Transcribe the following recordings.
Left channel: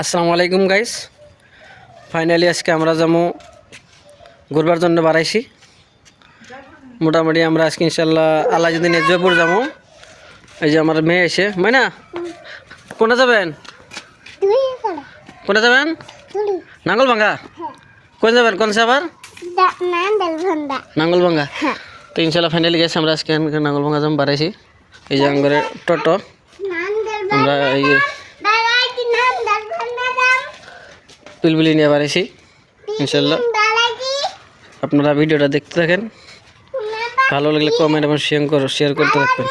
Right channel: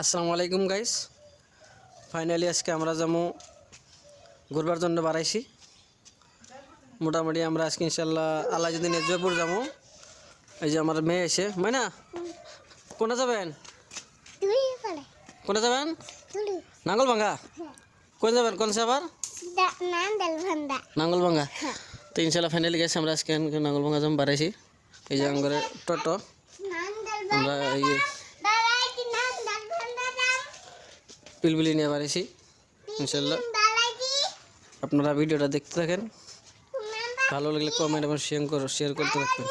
আসসালামু আলাইকুম guys. Finally আজকে আমরা যাবো ঘুরবার জন্য বাড়াইছি। মোটামুটি আমরা আজকে ইনশাল্লাহ আল্লাহ যদি জয়পুর যাবো। এই যে আমার মেয়ে এসে মাইনা কোনটা যাবেন? কোনটা যাবেন? নাঙ্গলভাঙ্গা। কোন যাবেন? কোন আবার নাঙ্গলভাঙ্গা। তো ইনশাল্লাহ ফাইনালি গেছে আমরা আজকে নাঙ্গলভাঙ্গা যাবো বাড়াইছি। এই যে আমাদের টোটো আমরা এই পিলপিলি নিয়ে বাড়াইছি ইনশাল্লাহ। আপনারা ভিডিওটা দেখতে থাকেন, ভালো লাগলে কমেন্ট এবং শেয়ার করতে থাকবেন।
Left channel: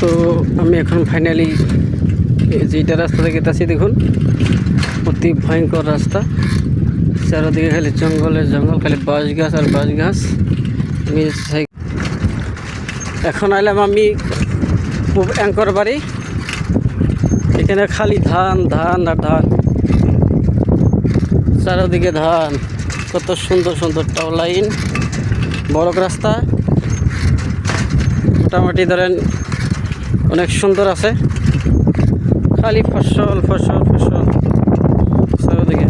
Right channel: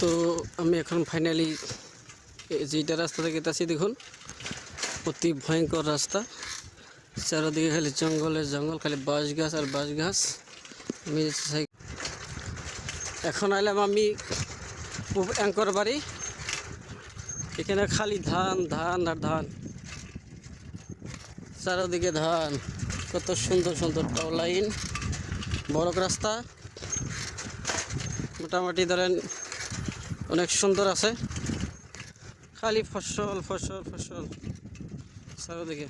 তো আমি এখন ফাইনালি যেটা রাস্তা থেকে গেছি, দেখুন অতি ভয়ঙ্কর রাস্তা, চারদিকে খালি জঙ্গলের জঙ্গল, খালি বাঁশ গাছ আর বাঁশ গাছ। আমি এখন আইলাম আমি অ্যাঙ্কর বাড়ি। এখানে খালি ধান ধান আর ধান, চারদিকে ধান। কত সুন্দর সুন্দর টাও লাইন, বড় রাস্তা, মোটামুটি ধরেন অনেক সুন্দর আছে। খালি ফসল ফসল ফসল চারদিকে।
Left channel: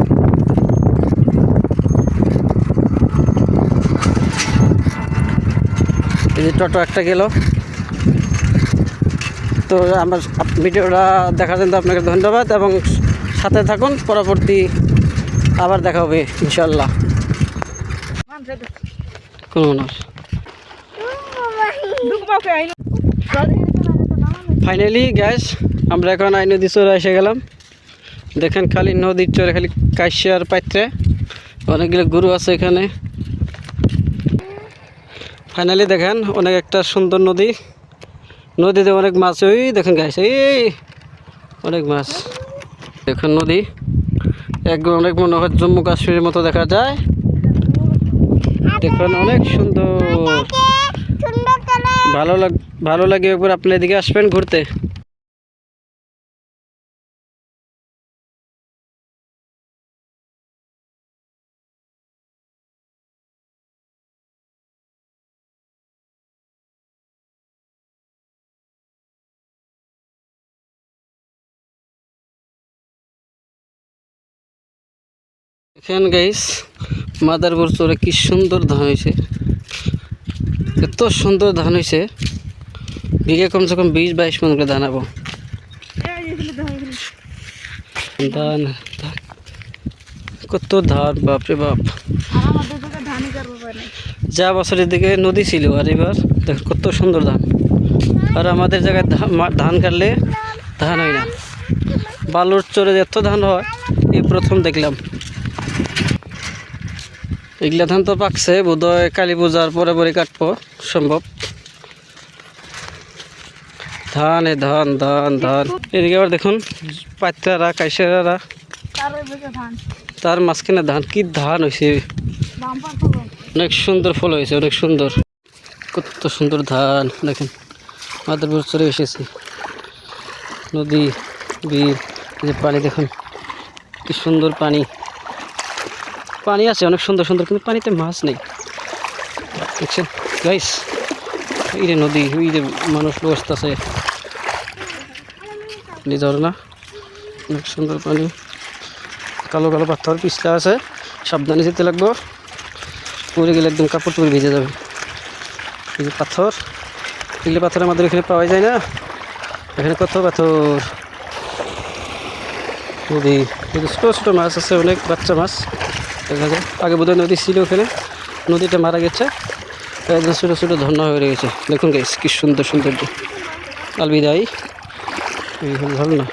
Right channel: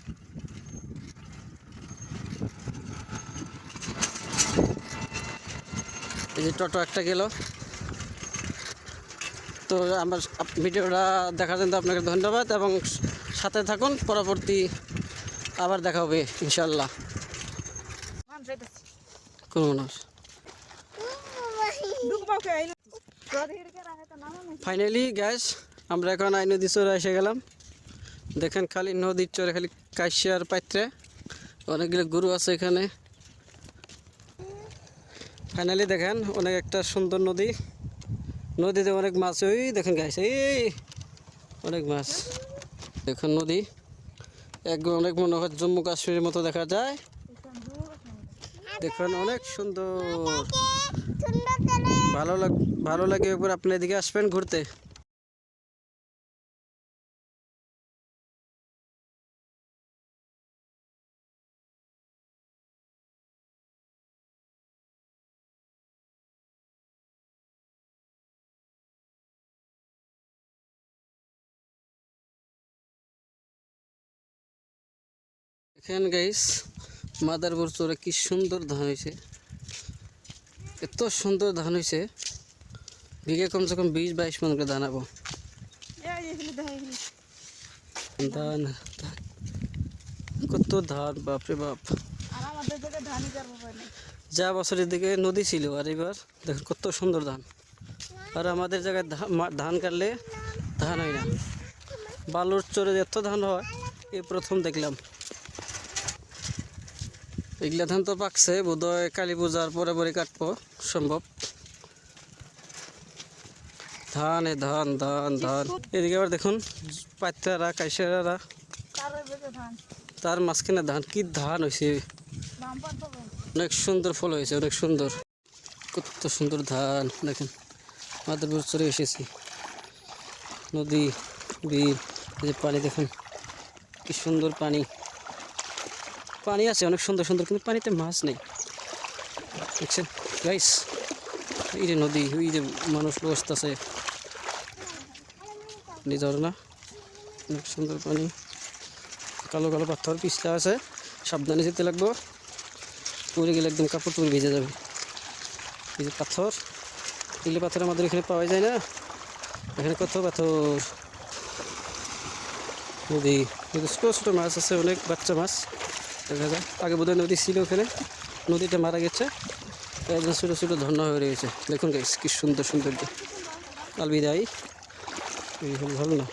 এই যে টোটো একটা গেল। তো আমার ভিডিওটা দেখার জন্য আপনাকে ধন্যবাদ এবং সাথে থাকুন, পরবর্তী আবার দেখা হবে ইনশাল্লাহ। কোন মানুষ ফাইনালি গ্যাস আমরা এখন আই নদী চরে এসে গেলাম। দেখেন খালি নদীর চরে খালি কাশিয়ার পাত্রে অনেকগুলো গরু আছে এখানে। ফাইনালি দেখেন অনেক একটা সুন্দর নদী, নদীতে অনেক মাছ। ওই দেখেন গাইস, এই অনেক মাছ। দেখুন নদী একদম অনেক মনে হয় জম্মু কাশ্মীরের মতো দেখা যায়। দেখুন অনেক সুন্দর, ভালো লাগে। একবার আপনি এদিকে আসবেন ঘুরতে। এখানে গাইস মাদারপুর চরে কি সুন্দর ধান হয়েছে, এত সুন্দর ধান হয়েছে। বিঘে কমসে কম 20-22 মন করে ধান হবো। ধান কত ধান, বাপরে বাপ। যা বছরের দিকে নদী ছিল, আর এবার দেখ কত সুন্দর ধান। আর আমাদের জায়গায় ধান কাটলে ধান হয় না। বালুর চরে এত ধান হয় এই প্রথম দেখলাম। এগুলা ধান তো পাকছে, বোধহয় কালী পূজার পরে পরে কাটবো সম্ভব। ধান ধান ধান ধান। এদিকে আবার দেখুন পাত্রারা কাইসারা, তার মাঝখানে ধান। কি ধান হয়েছে, অনেক সুন্দর ফল হয়েছে, অনেক সুন্দর। কত সুন্দর ধান দেখুন। মাদারপুর চরে এসেছি, নদী বিল, যে পানি দেখুন কি সুন্দর পানি। পানি আছে অনেক সুন্দর সুন্দর, কিন্তু পানিতে মাছ নেই দেখছেন গাইস। এই যে নদী, ওই যে মানুষ বসতেছে, ঝর্ণা, অনেক সুন্দর পানি। কালো কালো পাথর পিছলা আছে, সাবধানে যেতে লাগবো, পড়ে গেলে একদম কাপড় চোপড় ভিজে যাবে। এই যে পাথর, এগুলো পাথর আমাদের এখানে পাওয়া যায় না। এখানে কত পাথর। নদী ছোটো ছোটো মাছ আছে, অনেক বাচ্চা মাছ দেখা যায়। আগে বোধহয় নদী ছিল, ওখানে নদীটা মারা গেছে, একদম ছোটো ছোটো ঝর্ণা হয়ে গেছে। দেখুন গাইস কি সুন্দর সৌন্দর্য। আলবিদাই, এই ঝর্ণা।